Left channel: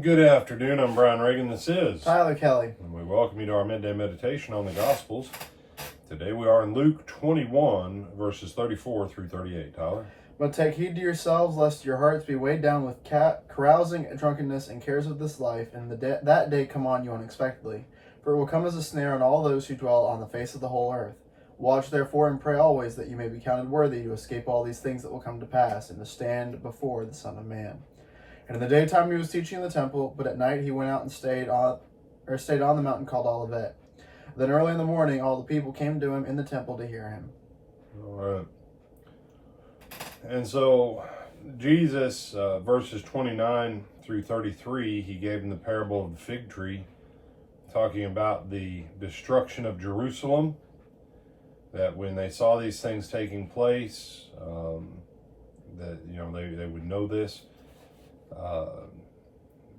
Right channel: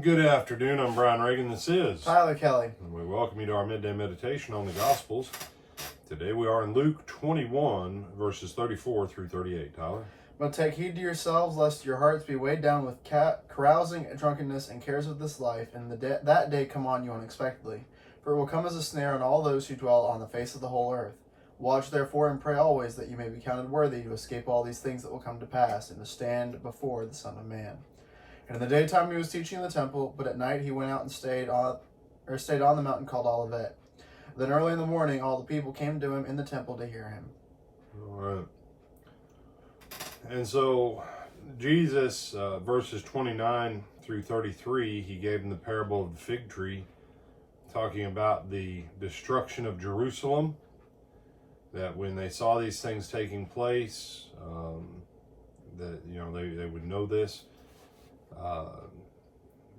Good afternoon. I'm Brian Reagan. This is Tyler Kelly. And we welcome you to our midday meditation on the Gospels. Today we are in Luke 21, verses 34 through 38. Tyler? But take heed to yourselves, lest your hearts be weighed down with carousing, drunkenness, and cares of this life, and that day come on you unexpectedly. For it will come as a snare on all those who dwell on the face of the whole earth. Watch therefore and pray always, that you may be counted worthy to escape all these things that will come to pass, and to stand before the Son of Man. And in the daytime he was teaching in the temple, but at night he went out and stayed on the mountain called Olivet. Then early in the morning all the people came to him in the temple to hear him. All right. And so Jesus, verses 29 through 33, he gave them the parable of the fig tree, talking about the destruction of Jerusalem, that when they saw these things taking place, that they would know this.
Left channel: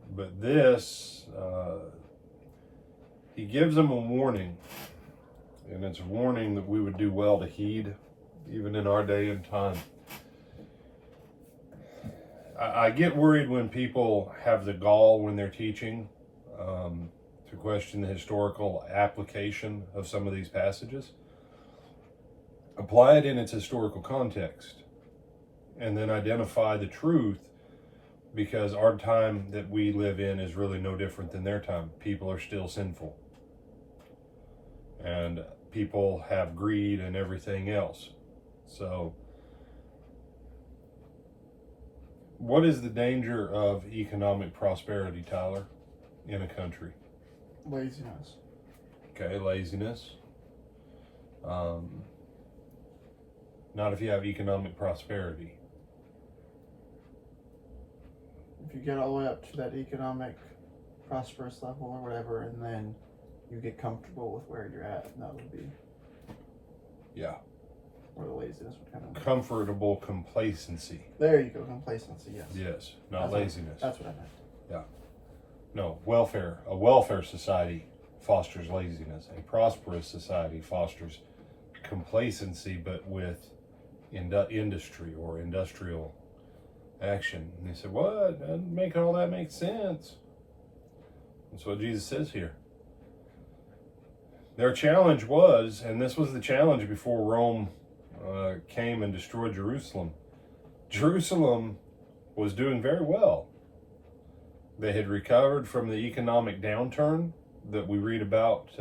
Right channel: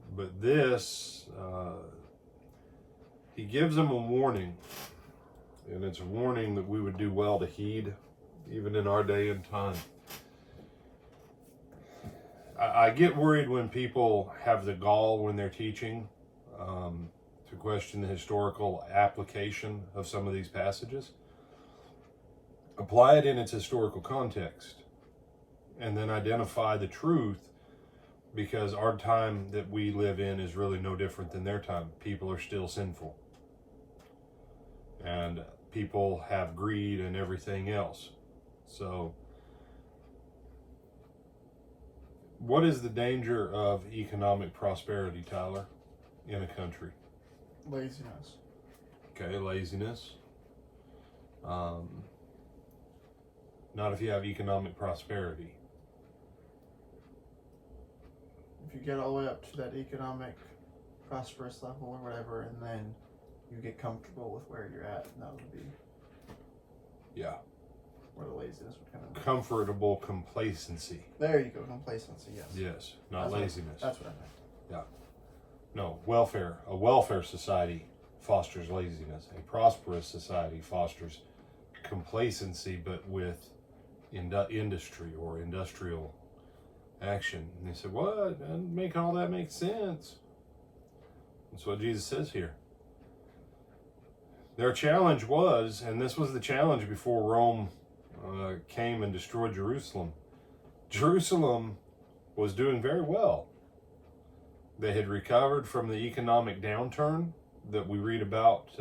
But this, he gives them a warning, and it's a warning that we would do well to heed, even in our day and time. I get worried when people have the gall when they're teaching to question the historical application of some of these passages. Apply it in its historical context, and then identify the truth. Because our time that we live in is really no different than their time. People are still sinful. And people have greed and everything else. So, what is the danger of economic prosperity, Tyler, in a country? Laziness. Okay, laziness. Not if you have economic prosperity. If you get all the way up to that economic prosperous level or whatever, and then you get comfortable with where you're at, that would be where the laziness would come in. Comfortable complacency. There you go, complacency, yes. Yes, not laziness. That's what I meant. Yeah. No, welfare. A welfare society fosters laziness. A prosperous society fosters complacency, but with industry or industrial action. And they said, what? And making all that make sense. That's what Jesus says here. Their challenge was, and this was the challenge before Rome came and destroyed Jerusalem. Jerusalem was doing very well. They had recovered from the economic downturn that we read about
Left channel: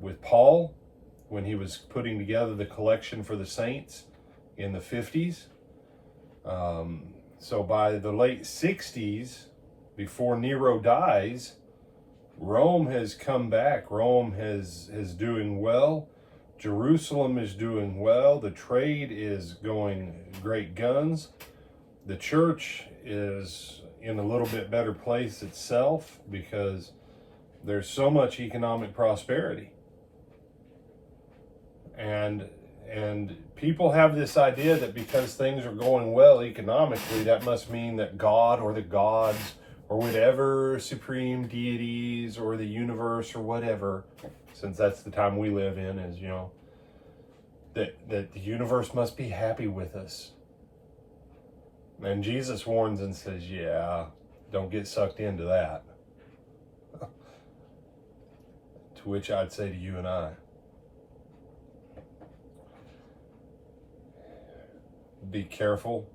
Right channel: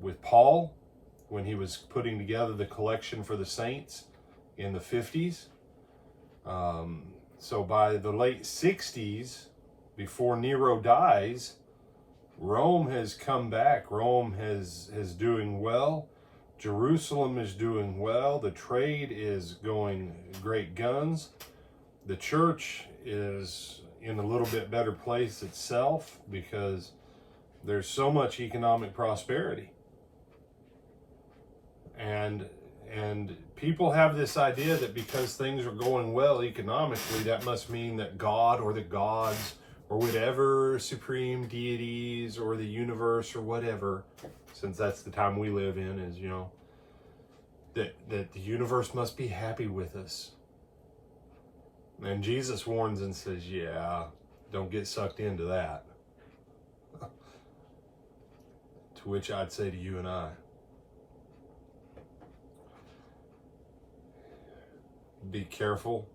with Paul when he was putting together the collection for the saints in the 50s. So by the late 60s, before Nero dies, Rome has come back. Rome is doing well. Jerusalem is doing well. The trade is going great guns. The church is in a little bit better place itself because there's so much economic prosperity. And people have this idea that because things are going well economically, that must mean that God or the gods or whatever supreme deities or the universe or whatever, since that's the time we live in, is, that the universe must be happy with us. And Jesus warns and says, don't get sucked into that. To which I'd say to you and I, be careful.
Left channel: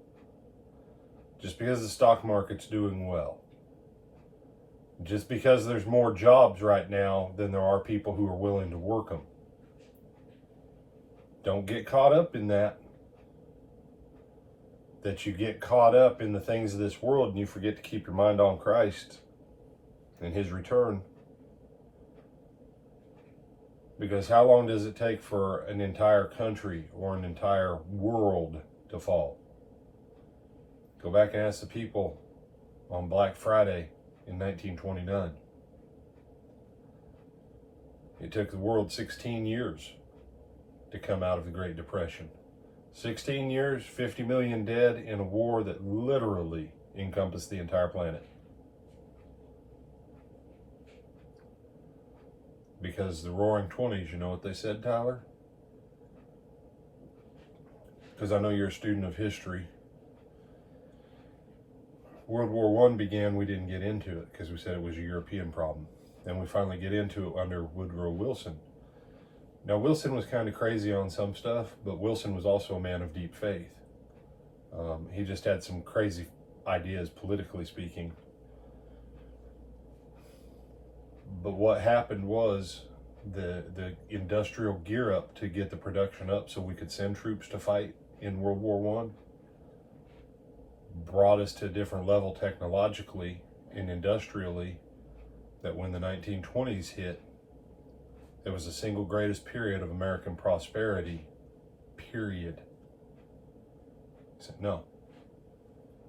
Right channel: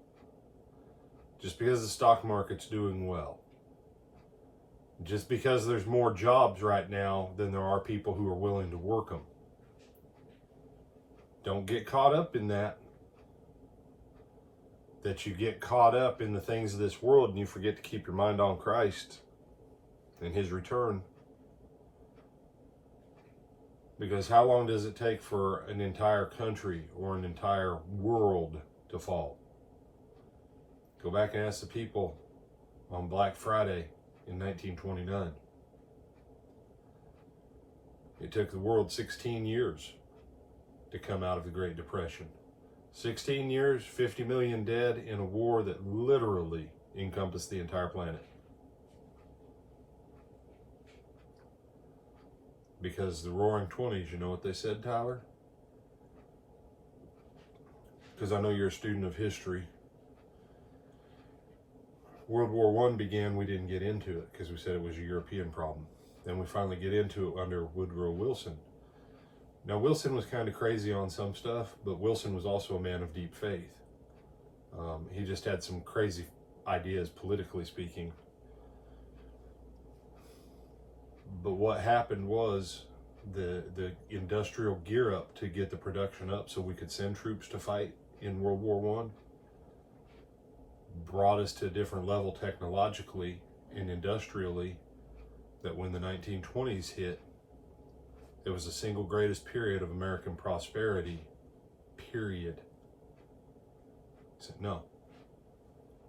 Just because the stock market's doing well, just because there's more jobs right now than there are people who are willing to work them, don't get caught up in that. That you get caught up in the things of this world and you forget to keep your mind on Christ and his return. Because how long does it take for an entire country or an entire world to fall? Go back and ask the people on Black Friday in 1929. It took the world 16 years to come out of the Great Depression. 16 years, 50 million dead in a war that literally encompassed the entire planet. Because the Roaring 20s, you know what they said, Tyler? Because I know you're a student of history. World War I began, we didn't get into it because we said it was a European problem. Then we finally get into it under Woodrow Wilson. Now, Wilson was kind of crazy on some stuff, but Wilson was also a man of deep faith. He just had some crazy ideas, politically speaking. But what happened was the industrial gear up to get the production up so we could send troops to fight in World War I brought us to a different level technologically and industrially, that when the 1920s hit, it was the single greatest period of American prosperity, period. I said, no.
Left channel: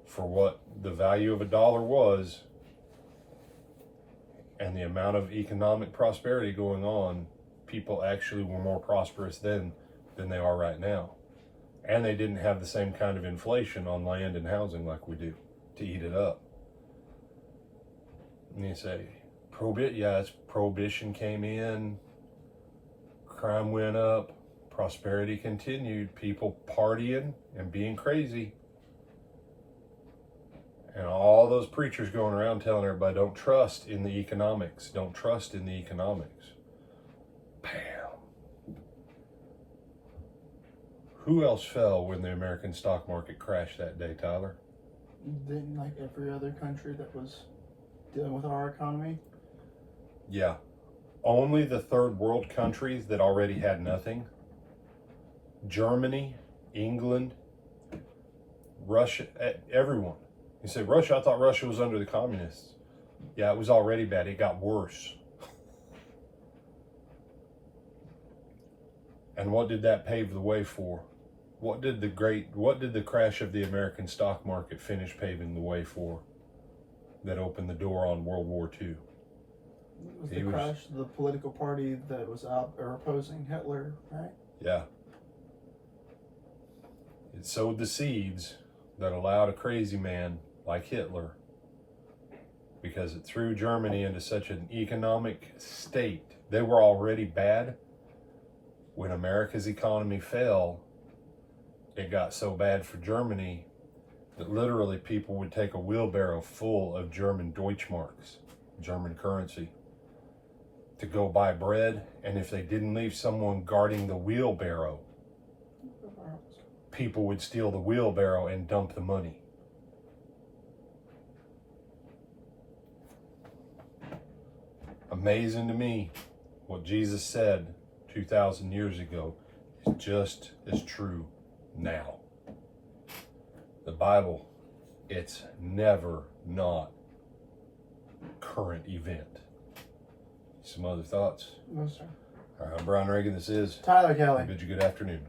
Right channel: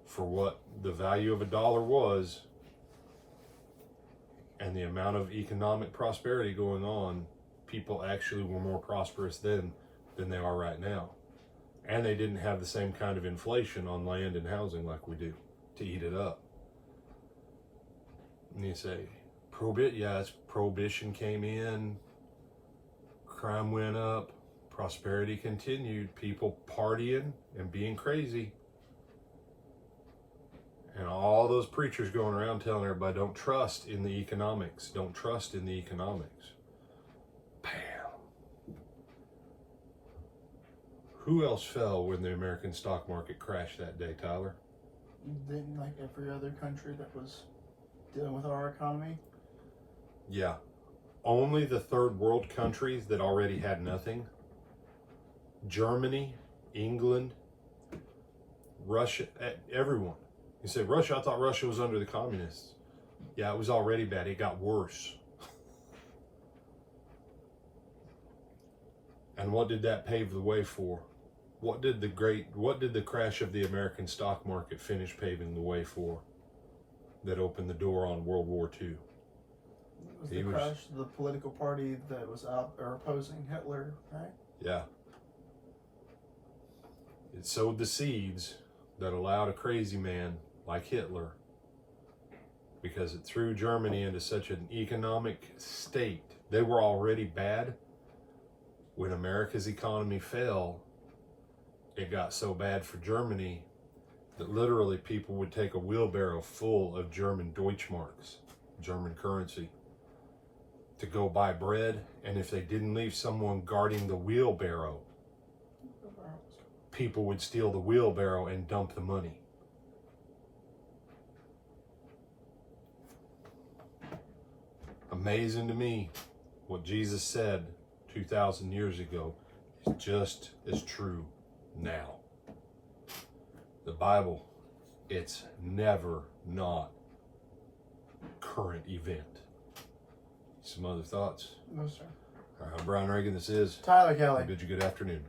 For what the value of a dollar was and the amount of economic prosperity going on, people actually were more prosperous then than they are right now. And they didn't have the same kind of inflation on land and housing like we do to eat it up. And you say, prohibition came in, crime went up, prosperity continued, people partying and being crazy. And all those preachers going around telling everybody, don't trust in the economics, don't trust in the economics. Bam. Who else fell when the American stock market crashed that day, Tyler? Didn't like every other country that was dealing with our economy? Yeah. Only the third world countries that already had nothing. Germany, England, Russia, everyone. You say, Russia, I thought Russia was under the communists. Yeah, it was already bad. It got worse. And what did that pave the way for? What did the crash of the American stock market finish paving the way for that opened the door on World War II? It was the crash of the political party that was out or opposing Hitler, right? Yeah. It sowed the seeds that allowed a crazy man like Hitler, because it threw Germany into such an economic state. They were already bad. When America's economy fell, it got so bad for Germany that literally people would take a wheelbarrow full of German Deutschmarks, German currency, to go buy bread. And if they didn't leave someone guarding the wheelbarrow, people would steal the wheelbarrow and dump the money. Amazing to me what Jesus said 2,000 years ago is just as true now. The Bible, it's never not current event. Some other thoughts? No, sir. All right, I'm Brian Reagan. This is Tyler Kelly. I bid you good afternoon.